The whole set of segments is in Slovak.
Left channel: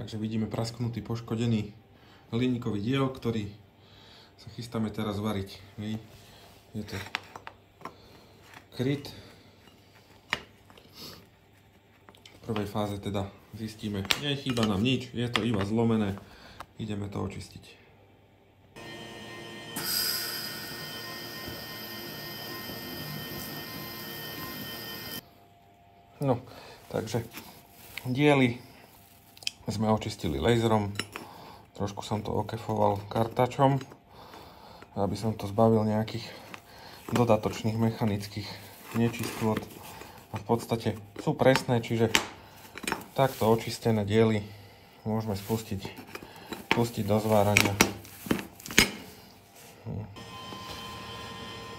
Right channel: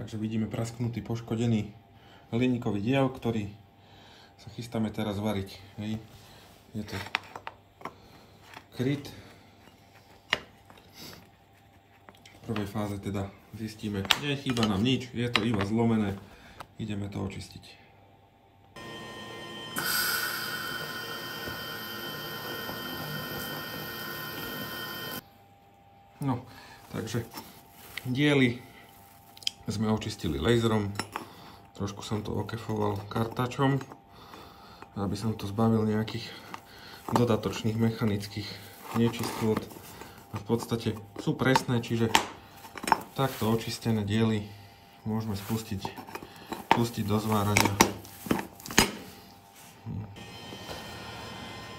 Takže vidíme prasknutý, poškodený hliníkový diel, ktorý sa chystáme teraz variť. Hej. Je to kryt. V prvej fáze teda zistíme, nechýba nám nič, je to iba zlomené. Ideme to očistiť. No, takže diely sme očistili laserom, trošku som to okefoval kartačom, aby som to zbavil nejakých dodatočných mechanických nečistôt. A v podstate sú presné, čiže takto očistené diely môžeme pustiť do zvárania.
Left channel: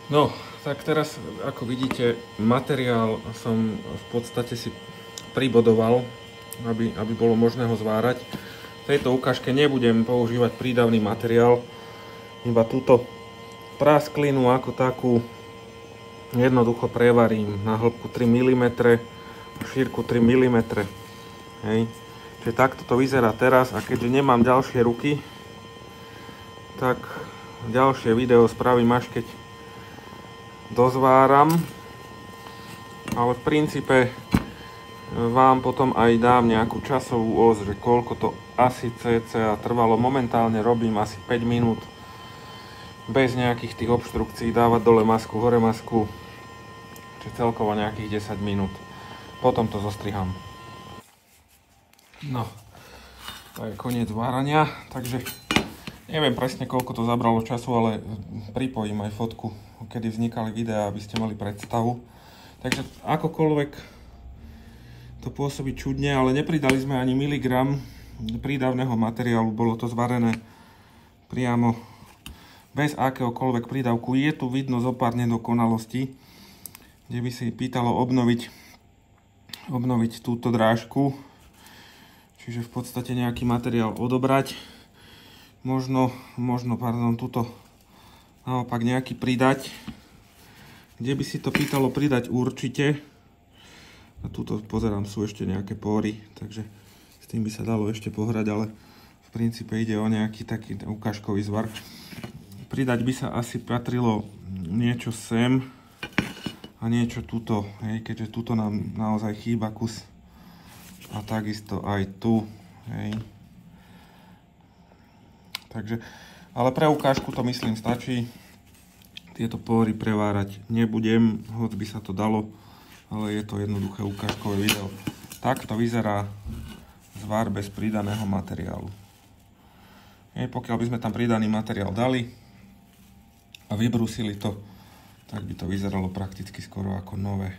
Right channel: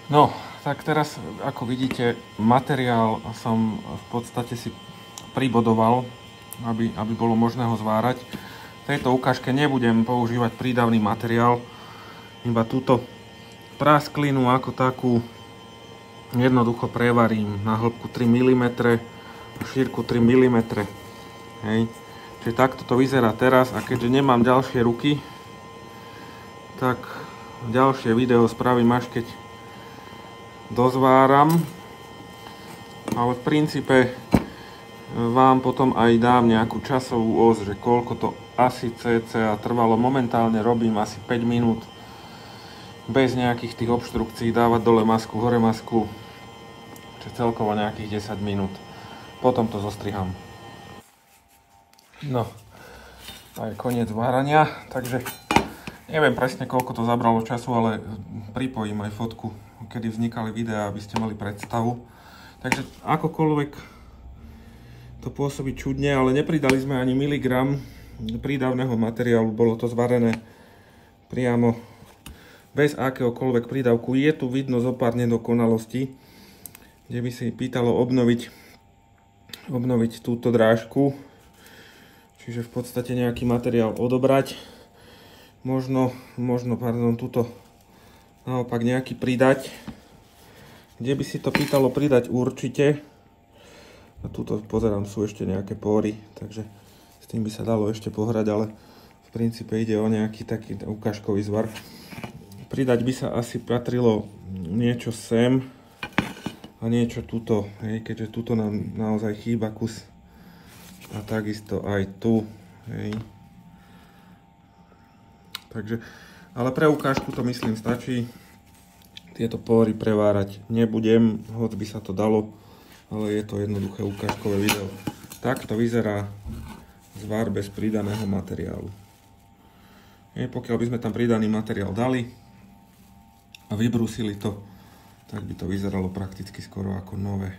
No, tak teraz, ako vidíte, materiál som v podstate si pribodoval, aby bolo možné ho zvárať. V tejto ukážke nebudem používať prídavný materiál, iba túto prasklinu ako takú jednoducho prevarím na hĺbku 3 mm, šírku 3 mm. Hej. Čiže takto to vyzerá teraz, a keďže nemám ďalšie ruky, tak ďalšie video spravím až keď dozváram, ale v princípe vám potom aj dám nejakú časovú os, že koľko to asi cca trvalo. Momentálne robím asi 5 minút bez nejakých tých obštrukcií, dávať dole masku, hore masku, čiže celkovo nejakých 10 minút. Potom to zostriham. No, aj koniec várania, takže neviem presne koľko to zabralo času, ale pripojím aj fotku, kedy vznikali videá, aby ste mali predstavu. Takže akokoľvek to pôsobí čudne, ale nepridali sme ani miligram prídavného materiálu, bolo to zvarené priamo bez akéhokoľvek prídavku. Je tu vidno zo pár nedokonalostí, kde by si pýtalo obnoviť túto drážku, čiže v podstate nejaký materiál odobrať, možno túto naopak nejaký pridať, kde by si to pýtalo pridať určite. A tuto pozerám, sú ešte nejaké pory, takže s tým by sa dalo ešte pohrať, ale v princípe ide o nejaký taký ukážkový zvar. Pridať by sa asi patrilo niečo sem a niečo tuto, hej, keďže tuto nám naozaj chýba kus. A takisto aj tu, hej. Takže, ale pre ukážku to myslím stačí. Tieto pory prevárať nebudem, hoď by sa to dalo, ale je to jednoduché ukážkové video. Takto vyzerá zvar bez pridaného materiálu. Pokiaľ by sme tam pridaný materiál dali a vybrúsili to, tak by to vyzeralo prakticky skoro ako nové.